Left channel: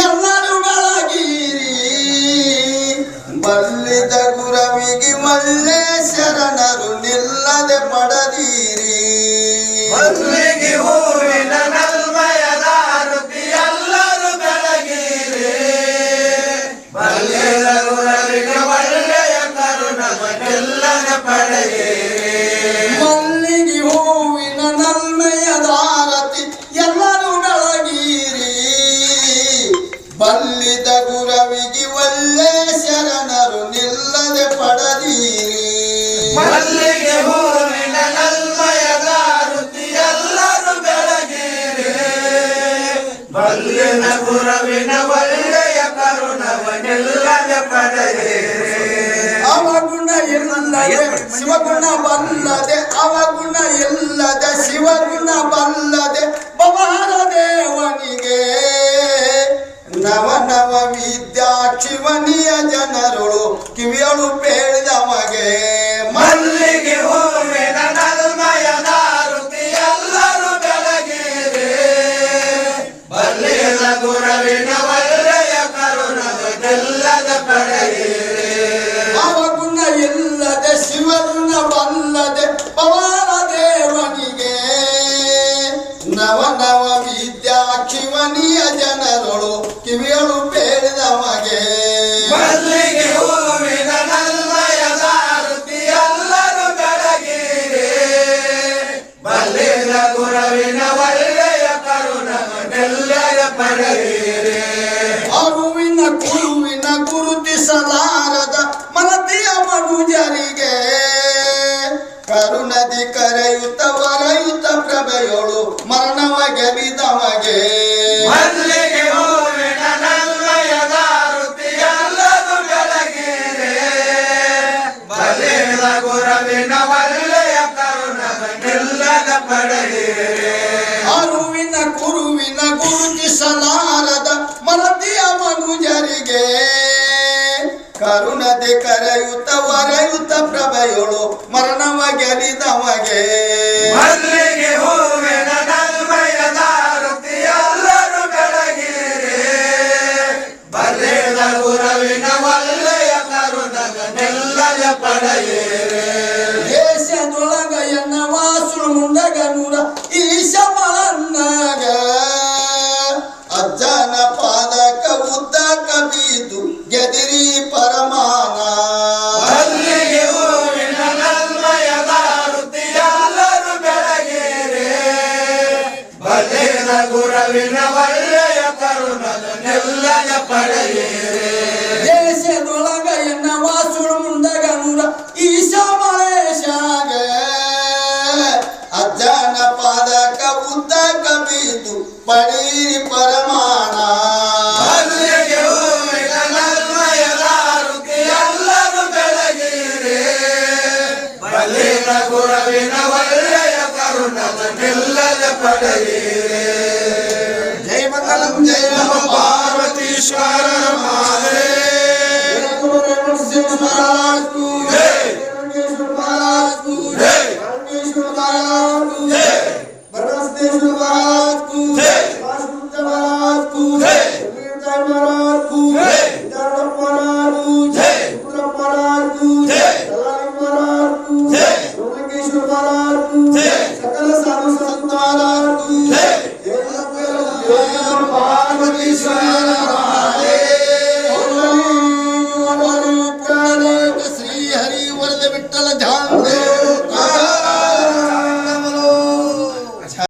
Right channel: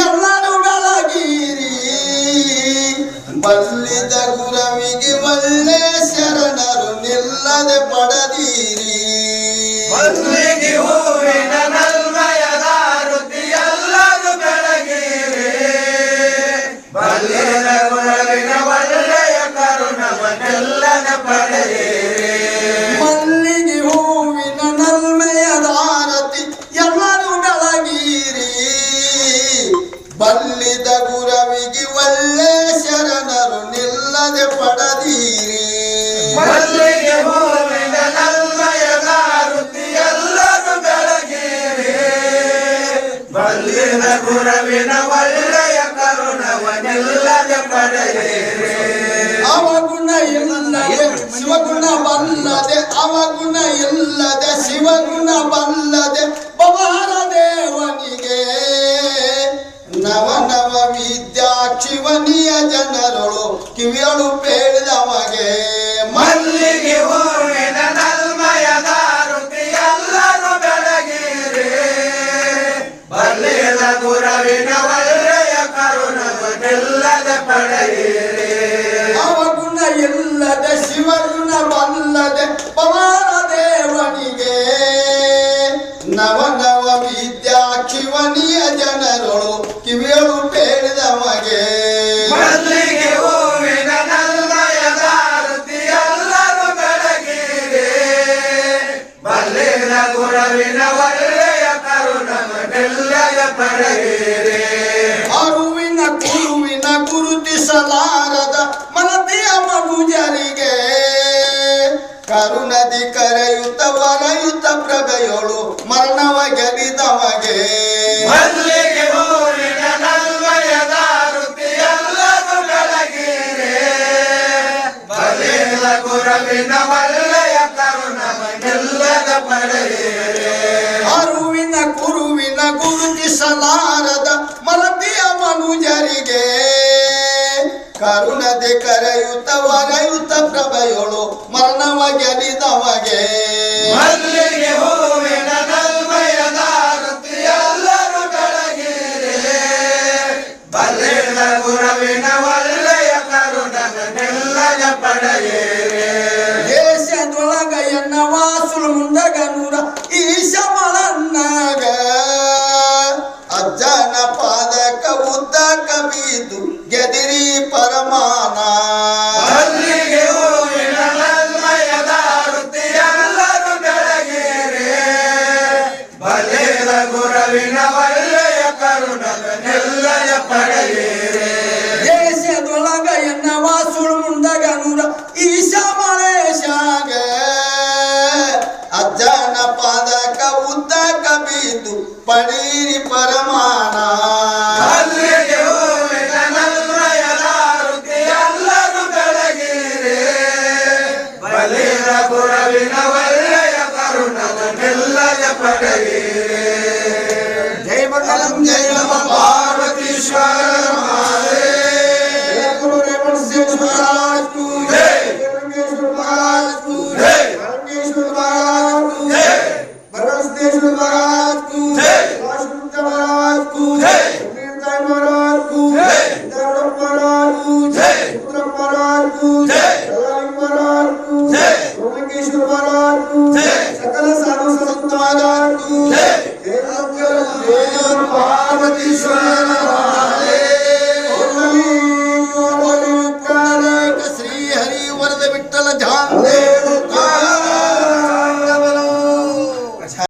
ಎಲ್ಲರೂ ಬೆಳಗಿರಿ ಬಲ್ಲಿದ ಗುರವಿಗೆ ಒಳ್ಳೆ ಬಲ್ಲಿದ ಗುರವಿಗೆ ಒಳ್ಳೆ ಶರಣರು ನಿಲ್ಲದೆ ಪಡದೀರಿ. ಮಲ್ಲಿಗೆ ಹೂವಿನ ನಲ್ಮಯದ ಋತಿ ಎಲ್ಲರೂ ಬೆಳಗಿರಿ. ಬಲ್ಲಿನ ಗುರವಿನ ಒಳ್ಳೆಯ ಕರುಣವನ್ನೆಲ್ಲನ ಪಡೆಯಿರಿ ಅವಗುಣ ಇಲ್ಲದೆ ಶಿವಗುಣ ಬಲ್ಲದೆ ಅವಗುಣ ಇಲ್ಲದೆ ಶಿವಗುಣ ಬಲ್ಲದೆ ಶಿವನಿಯ ಜನರುಳು ಕಿವಿಯಳು ಪೇಳಿದಮಗೆ ಮಲ್ಲಿಗೆ ಹೂವಿನ ನಲ್ಮಯ ದಾರುತಿ ಎಲ್ಲರೂ ಬೆಳಗಿರಿ. ಬಲ್ಲಿದ ಗುರವಿನ ಒಳ್ಳೆಯ ಕರುಣವನ್ನೆಲ್ಲದ ಪಡೆಯಿರಿ. ಅವಗುಣ ಇಲ್ಲದೆ ಶಿವಗುಣ ಬಲ್ಲದೆ ಪವಾರ ದೇವನಿಗೆ. ನವ ನವ ವಿದ್ಯಾ ಶಿವನಿಯ ಜನರುಳು ಕಿವಿಯಳು ಪಡೆಯಿರಿ ಅರುವಿನ ಕುರುವಿನ ಗುರುತಿಸಲಾರದ ಮನತಿಯ ಮನುಜರಿಗೆ ಕರುಣದಿ ಕರೆಯುತ್ತ ವರೆಯುತ್ತ ಪ್ರಭೆಯೊಳು ಮರಣವ ಗೆಲಿದಮಗೆ ಗುರವಿನ ಅರುವಿನ ಕುರುವಿನ ಗುರುತಿಸಲಾರದ ಮರತಿಯ ಮನುಜರಿಗೆ. ಕರುಣದೆ ಕರೆಯುತ್ತ ವರೆಯುತ್ತ ಪ್ರಭೆಯೊಳು ಮರಣವ ಗೆಲಿದಮಗೆ ಪಾದಕ ಉದ್ದ ಕವಿದು ಗೆದಿರಿ ಪರಮಾನ ಅಜ್ಜನ ಪಾದಕ ಉದ್ದಕ ಬೀದು ಪಡೀರಿ ಪರಮಾನ ಮಲ್ಲಿಗೆ ಹೂವಿನ ನಲ್ಮಯದ ಋತಿ あ。